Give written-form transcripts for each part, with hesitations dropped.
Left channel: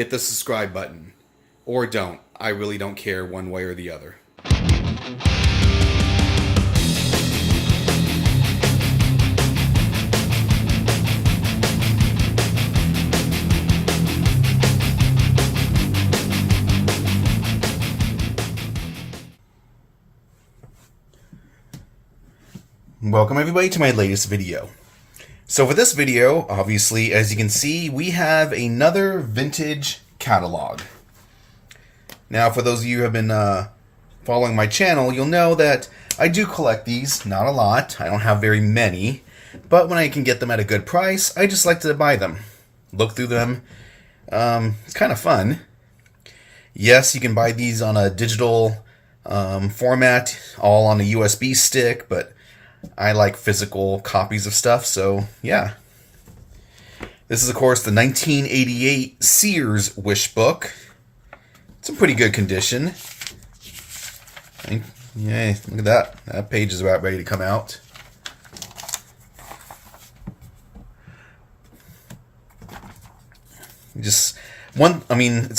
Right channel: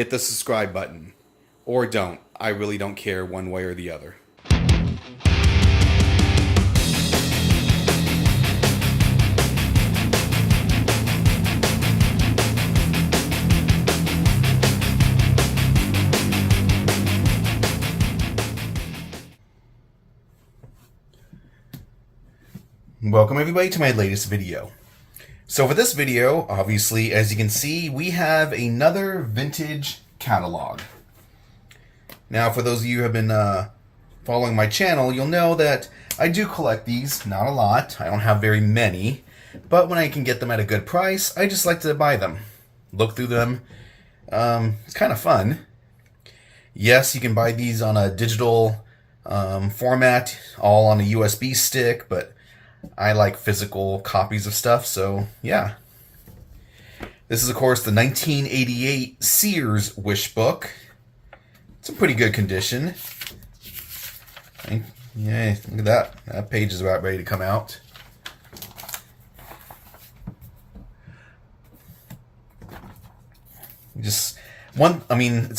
hit the subscribe button. Or don't. I really don't care one way or the other. Welcome everybody to my latest video. So for this video, obviously, as you can see, we have another vintage catalog. Now, for those of you who have been following my channel, you'll know that I do collect these, not a lot. I don't have very many, but when I can get them at a good price, I just like to buy them. Look through them. It's kind of fun. Yes, you can buy these on a digital format, all on a USB stick, but I like physical copies of stuff, so yeah. This is, of course, the 1988 Sears Wish Book. It's in pretty good condition. Yeah, look at that. That page is about ready to come out. It's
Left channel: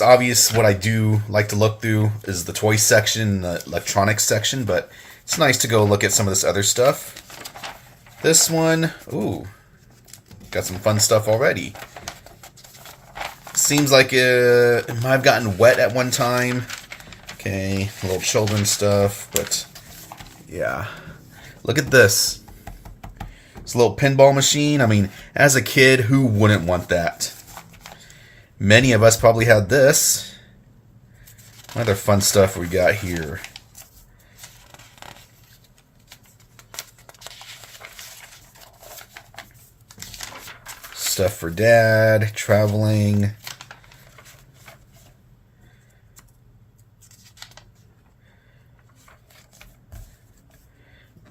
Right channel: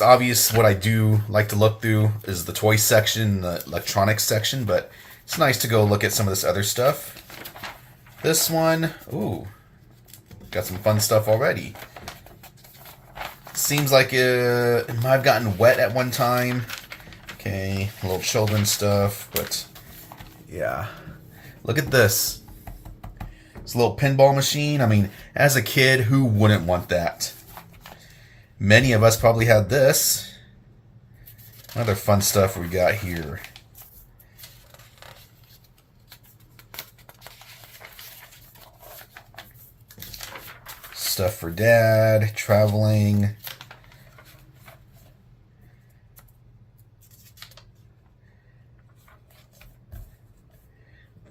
obvious what I do like to look through is the toy section, the electronics section, but it's nice to go look at some of this other stuff. This one, ooh, got some fun stuff already. Seems like it might have gotten wet at one time. Okay, a little children's stuff, but yeah. Look at this. It's a little pinball machine. I mean, as a kid, who wouldn't want that? Many of us probably had this. Other fun stuff we got here. Stuff for dad, traveling.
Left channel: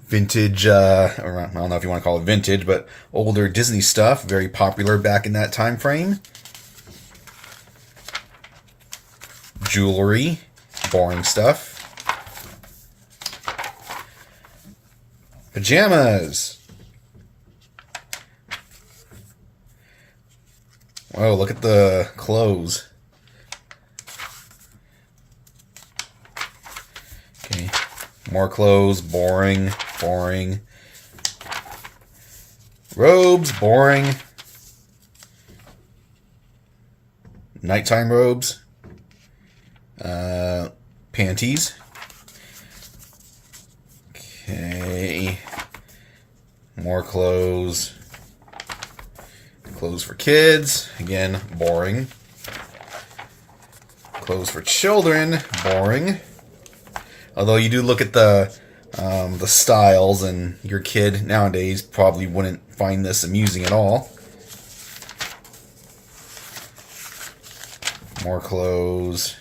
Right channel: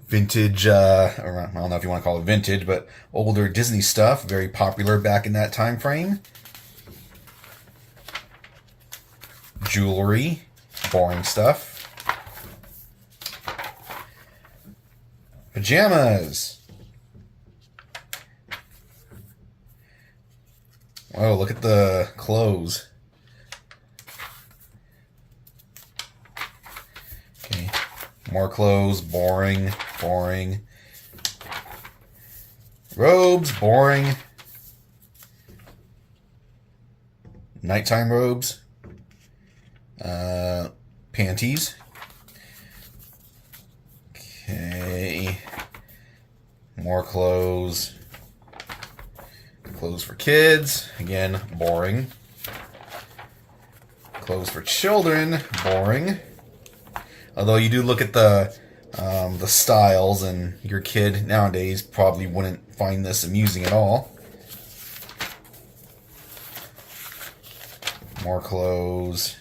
Vintage, or I don't know if you want to call it vintage, but older Disney stuff, very popular back in that time frame. Jewelry, boring stuff. Pajamas. Whoa, look at the clothes. Okay, more clothes, boring, boring. Robes, boring. Nighttime robes. Panties. Okay. More clothes. Clothes for kids, again, boring. Clothes for children, boring. Although you do look at the styles, and your kid nowadays probably wouldn't find this amusing at all. More clothes.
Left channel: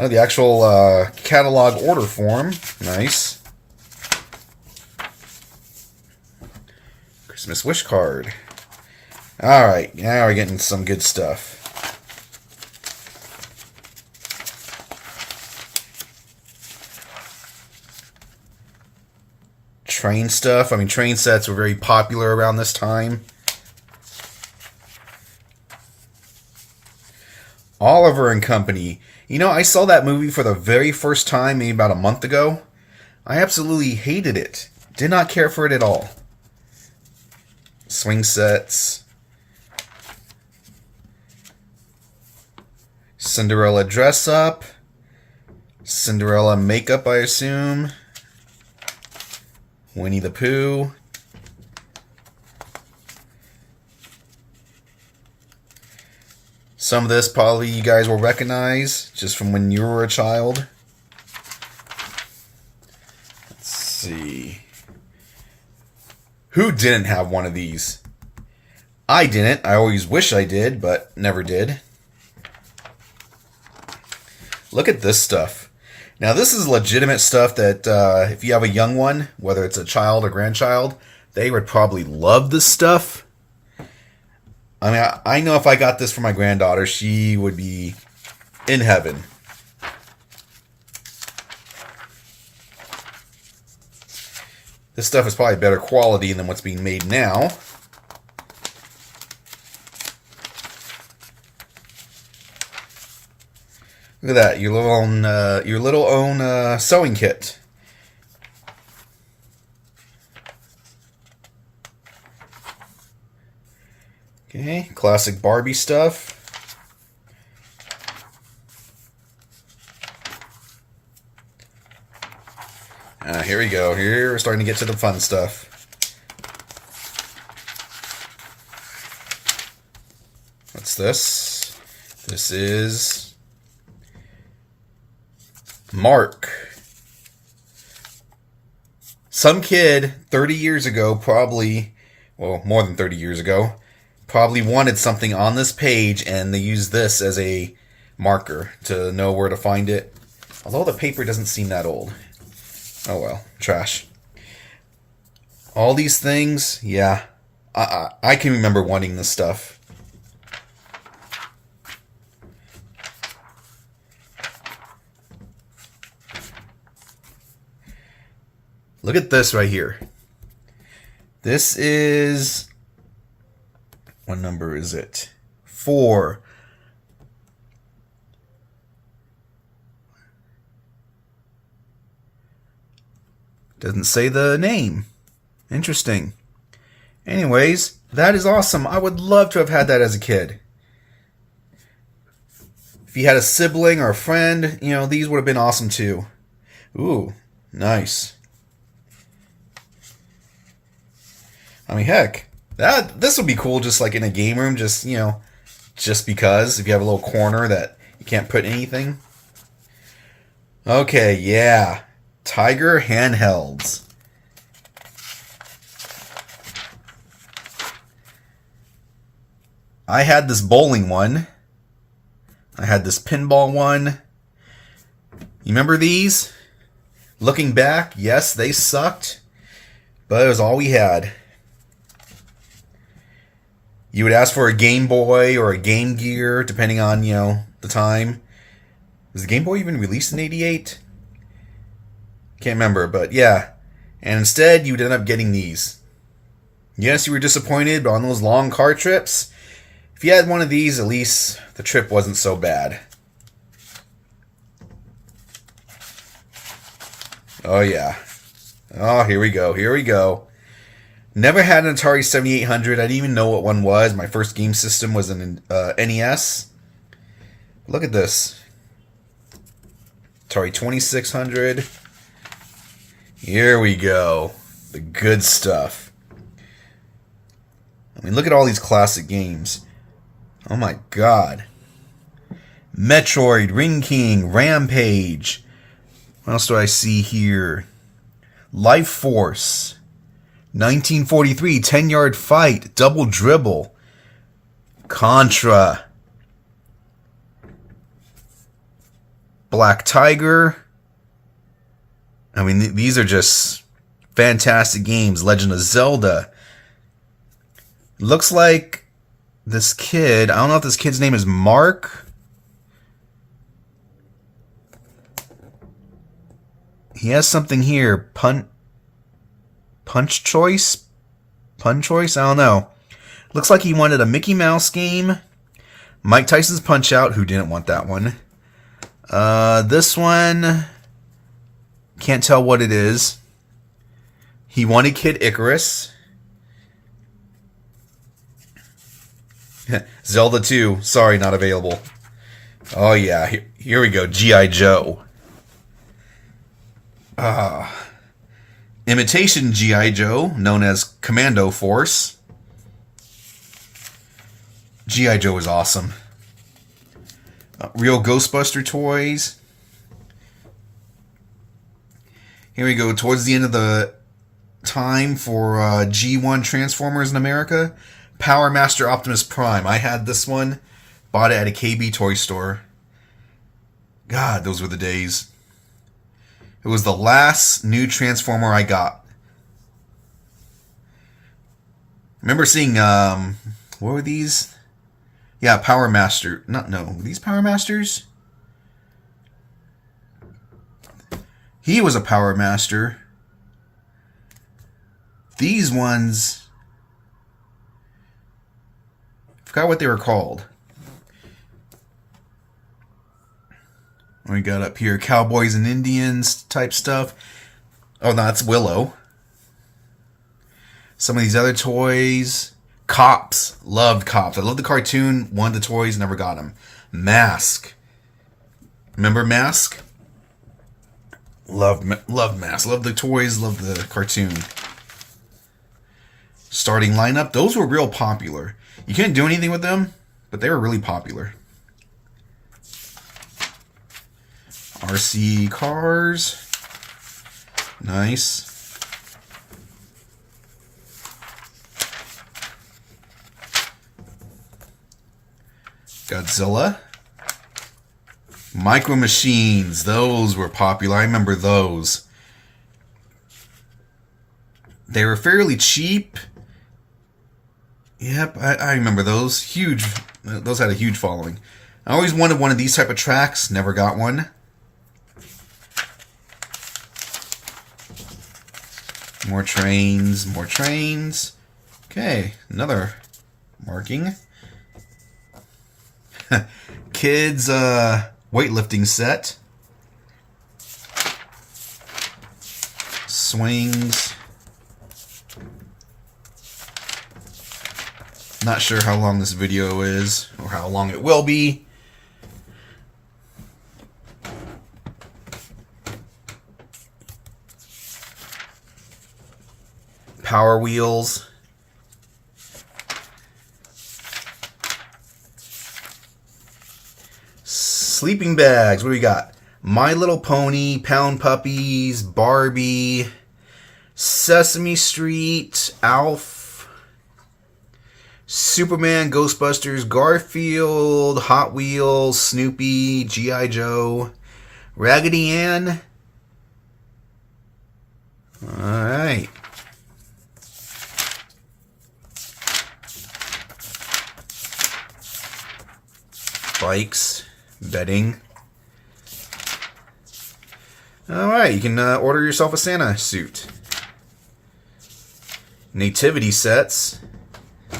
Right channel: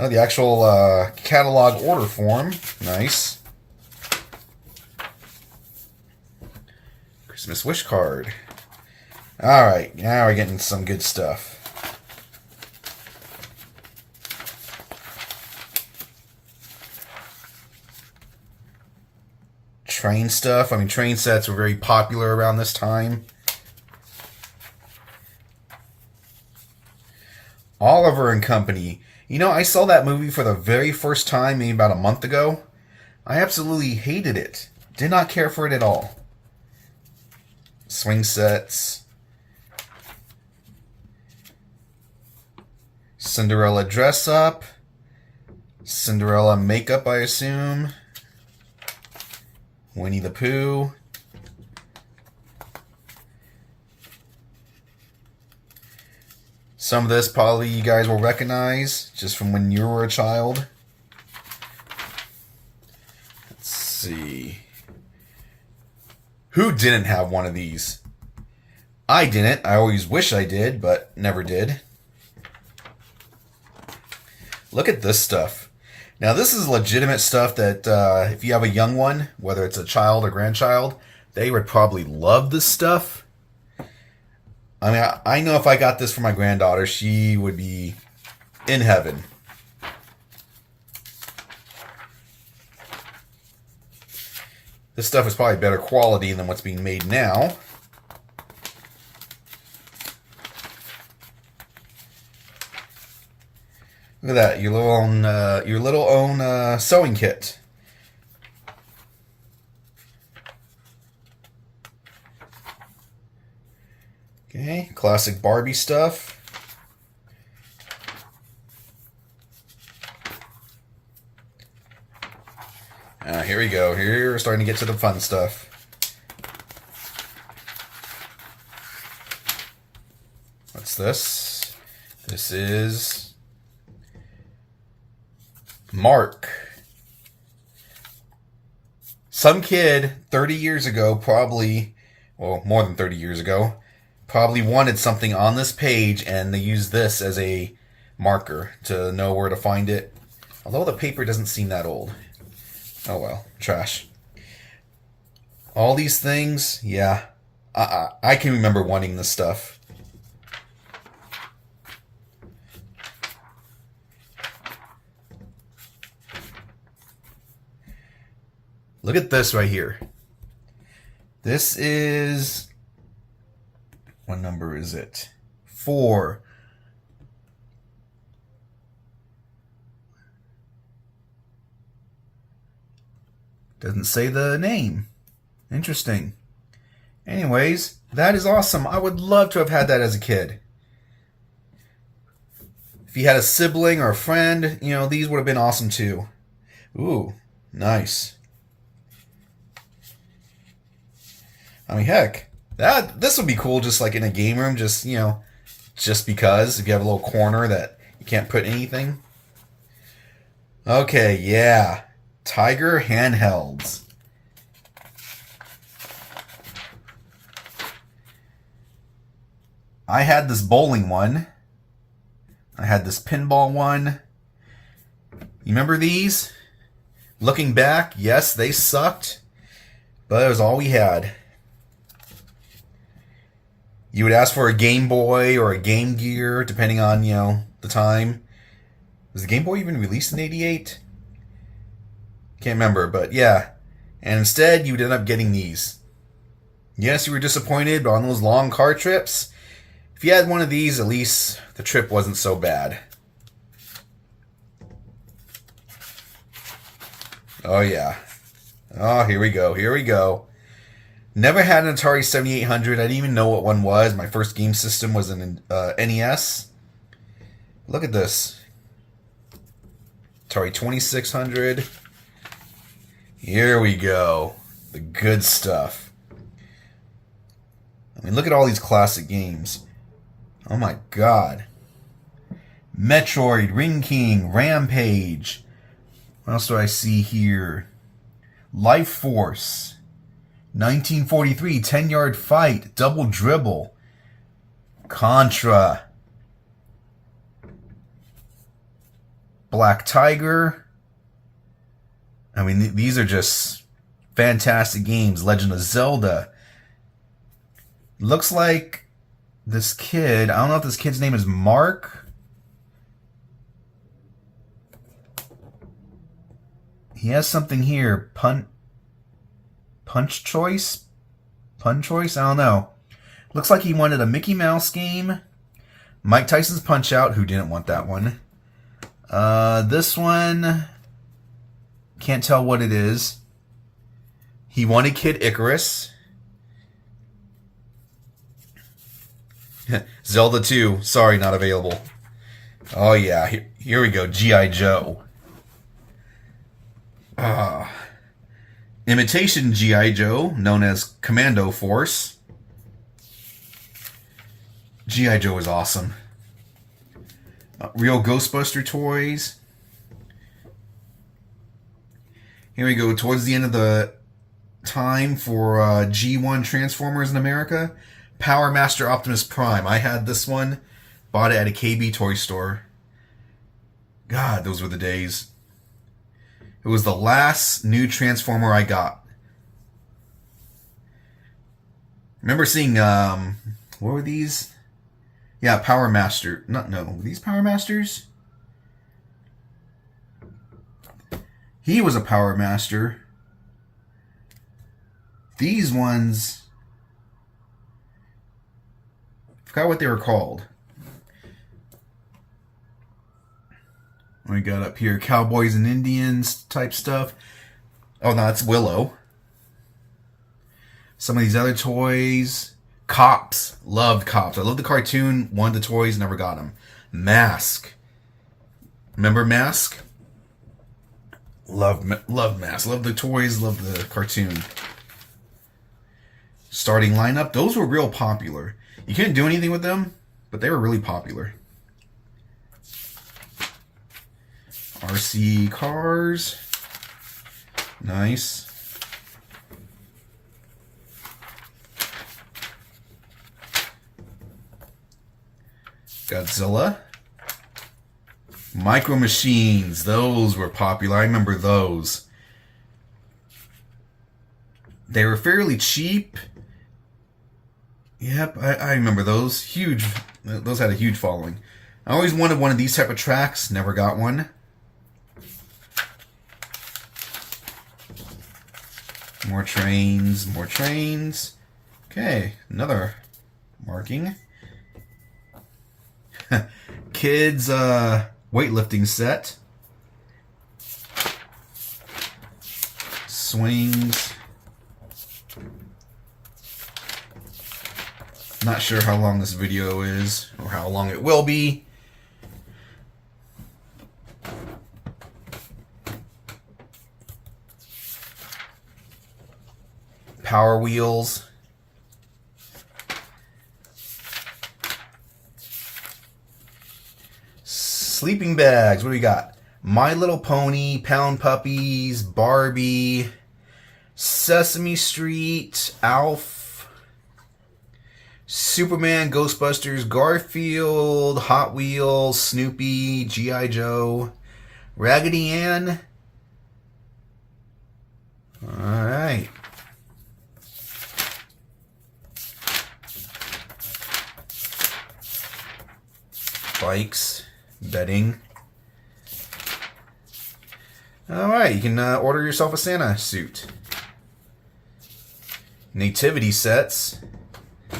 Oh, the actual catalog order form. Nice. Christmas wish card. Alright, now we're getting some good stuff. Train stuff. I mean, train sets were very popular around this time. Oliver and Company. You know, I saw that movie for the very first time maybe about a month ago. I absolutely hated it. Did not care for it at all. Swing sets. Cinderella dress up. Cinderella makeup, I assume. Winnie the Pooh. Some of this probably you guys will recognize just from when you were a child. Let's see. Who didn't have one of these? I didn't. I always wish I did, but never did. Look at this stuff. Now this is legitimate stuff that if you have a young one, whether it's a child or grandchild, they would probably love this stuff. I mean, I know if I got this for my granddaughter, she would be in heaven. This stuff is probably better quality than what's being made now. Look at that, your little own sewing kit. Okay, classic Barbie stuff. Here we go. Here we're starting to get to the fun stuff. What's this? This is Mark. Some kid 30 years ago, probably, well, more than 30 years ago, probably wanted something on this page, and they used this as a marker to know where to find it. Although the paper doesn't seem that old. Oh well, trash. All these things, yeah. I can remember wanting this stuff. Look at this right here. This is... what number is it? 4. Doesn't say the name. Interesting. Anyways, that is awesome. I would love to have had that as a kid. If you had a sibling or a friend, you know, these would have been awesome too. Ooh, nice. I mean, heck, this would be cool just like in a game room, just, you know, just because if you have a little corner that you can't put anything. Okay, yeah. Tiger handhelds. I had this bowling one. I had this pinball one. You remember these? Looking back, yes, they sucked, but it was all we had. You would ask for a Game Boy or a Game Gear, depending on, you know, the time. Was the Game Boy even released in '88? Can't remember, but yeah. And instead, you'd end up getting these. Yes, you were disappointed on those long car trips. If you had one of these, at least the trip wasn't so bad. Oh, yeah. Oh, here we go. Here we go. Never had an Atari 7800. I didn't even know what one was. My first game system was an NES. Look at this. Atari 2600. Here we go. The good stuff. I mean, look at all these classic games. Oh my god. Metroid, Ring King, Rampage. What else do I see here? Life Force. 1943, 10-Yard Fight, Double Dribble. Contra. Black Tiger. I mean, these are just fantastic games. Legend of Zelda. Looks like this kid, I don't know if this kid's name is Mark. He has something here. Punch Choice? Pun Choice? I don't know. Looks like he wanted a Mickey Mouse game. Mike Tyson's Punch-Out! Who didn't want that one? This one... can't tell what it is. He wanted Kid Icarus. Zelda 2. Sorry, not available. Oh yeah, here we go. G.I. Joe. Imitation G.I. Joe, known as Commando Force. G.I. Joe is awesome. Real Ghostbuster toys. Here we go. Towards the end of the time for G1 Transformers in America. Power Master Optimus Prime. I had this one. Bought it at a KB toy store. God, those were the days. It was the last new Transformer I got. Remember seeing, what were these? Yeah, Power Master. No, were these Power Masters? He was a Power Master. these ones, I forgot what they were called. We got up here Cowboys and Indians type stuff. Oh, no, that's Willow. Some of these other toys. Cops. Loved Cops. I loved the cartoon. Wanted the toys. Never got them. Mask. Remember Mask? Loved Mask. Loved the toys. Loved the cartoon. Starting lineup. Those were real popular. You couldn't do anything with them, but they were really popular. RC cars. Nice. Godzilla. Micro Machines. Those were popular. I remember those. They were fairly cheap. Yep, I remember those. Huge. Those had a huge following. I always wanted one of these type of tracks. Never got one. More trains. More trains. Okay, another marking. Kids weightlifting set. Swings. Not sure how long this video is or how long it will be. Power wheels. Sleeping bags. What do we got? My Little Pony, Pound Puppies, Barbie, Sesame Street, Alf, Superman, Ghostbusters, Garfield, Hot Wheels, Snoopy, G.I. Joe, Raggedy Ann. Alright. Bikes. Bedding. Alright, you can order yourself a Santa suit. Nativity sets. I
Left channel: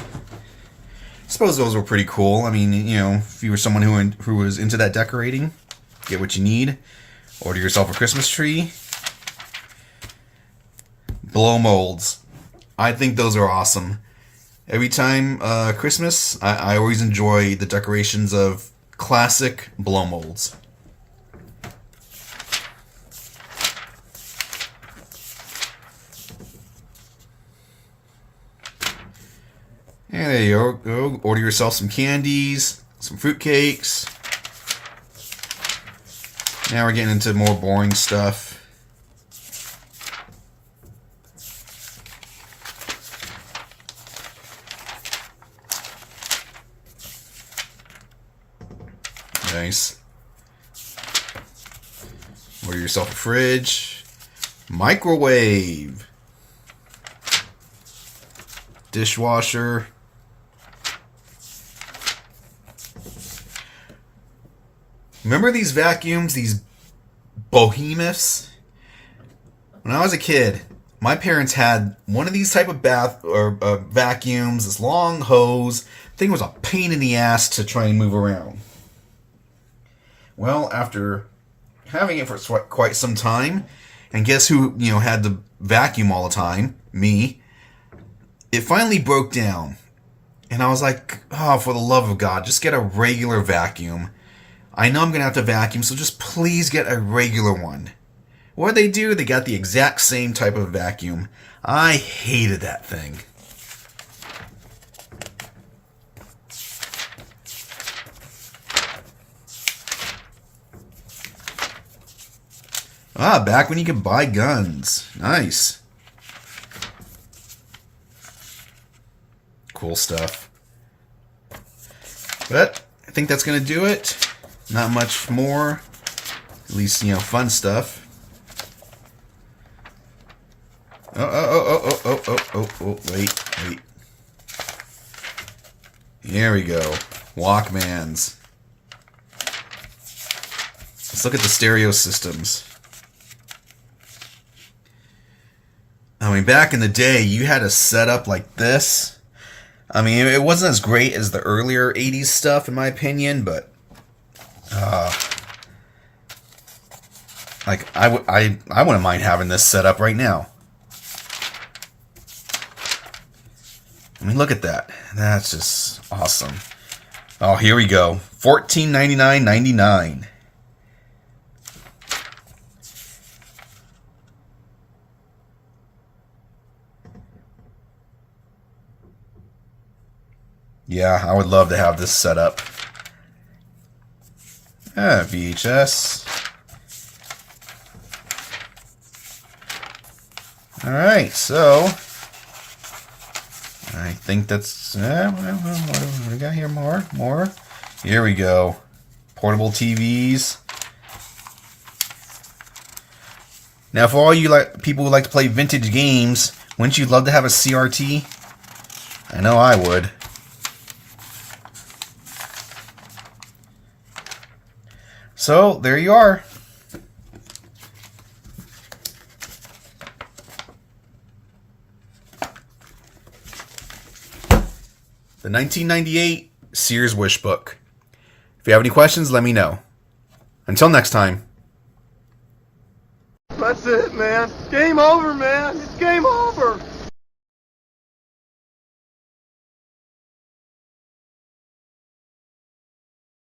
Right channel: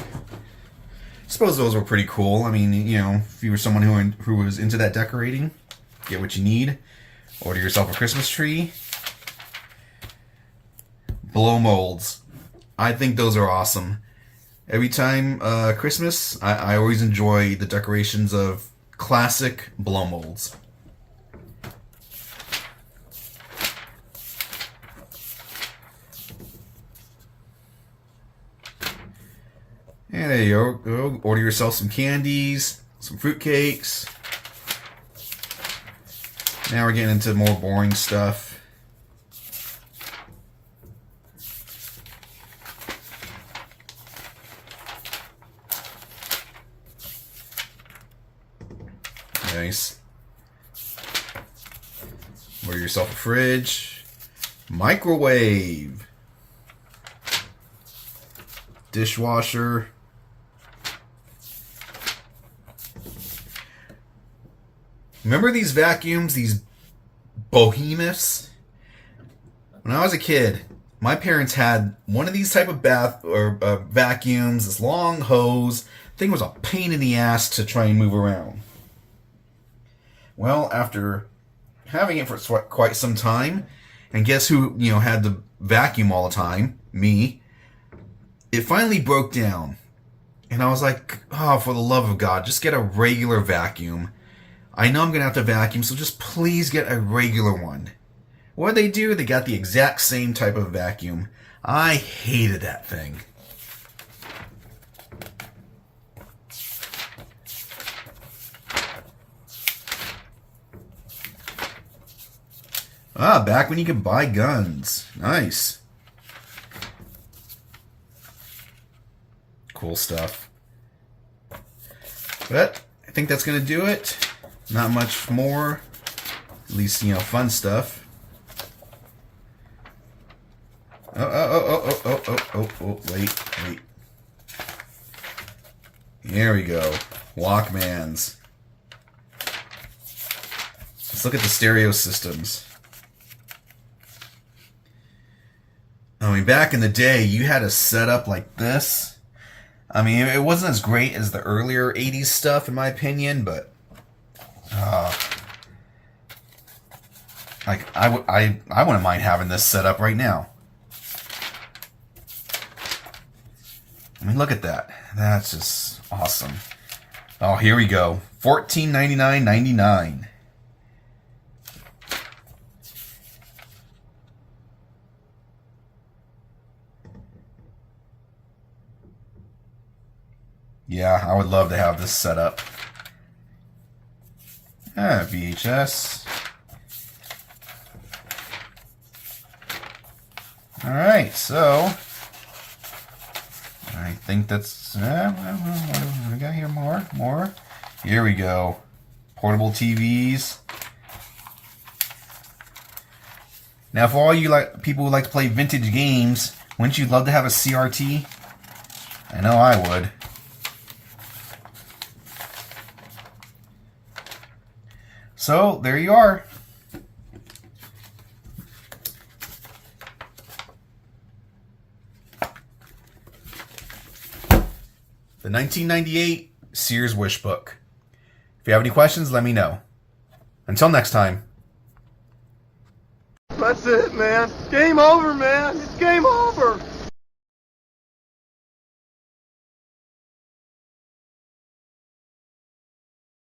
suppose those were pretty cool. I mean, you know, if you were someone who was into that decorating, get what you need. Order yourself a Christmas tree. Blow molds. I think those are awesome. Every time Christmas, I always enjoy the decorations of classic blow molds. And there you go. Order yourself some candies, some fruitcakes. Now we're getting into more boring stuff. Nice. Order yourself a fridge. Microwave. Dishwasher. Remember these vacuums, these behemoths? When I was a kid, my parents had one of these type of vacuums, this long hose. Thing was a pain in the ass to try and move around. Well, after having it for quite some time, and guess who, you know, had to vacuum all the time? Me. It finally broke down. And I was like, oh, for the love of God, just get a regular vacuum. I know I'm going to have to vacuum, so just please get a regular one. What did they do? They got the exact same type of vacuum. I hated that thing. Ah, back when you could buy guns. Nice. Cool stuff. But I think that's going to do it. Not much more. At least, you know, fun stuff. Wait. There we go. Walkmans. Let's look at the stereo systems. I mean, back in the day, you had a setup like this. I mean, it wasn't as great as the earlier 80s stuff, in my opinion, but like I wouldn't mind having this set up right now. I mean, look at that. That's just awesome. Oh, here we go. $14.99.99. Yeah, I would love to have this set up. VHS. Alright, so I think that's what we got here. More. Here we go. Portable TVs. Now, for all you people who like to play vintage games, wouldn't you love to have a CRT? I know I would. So, there you are. The 1998 Sears Wish Book. If you have any questions, let me know. Until next time. That's it, man. Game over, man. It's game over.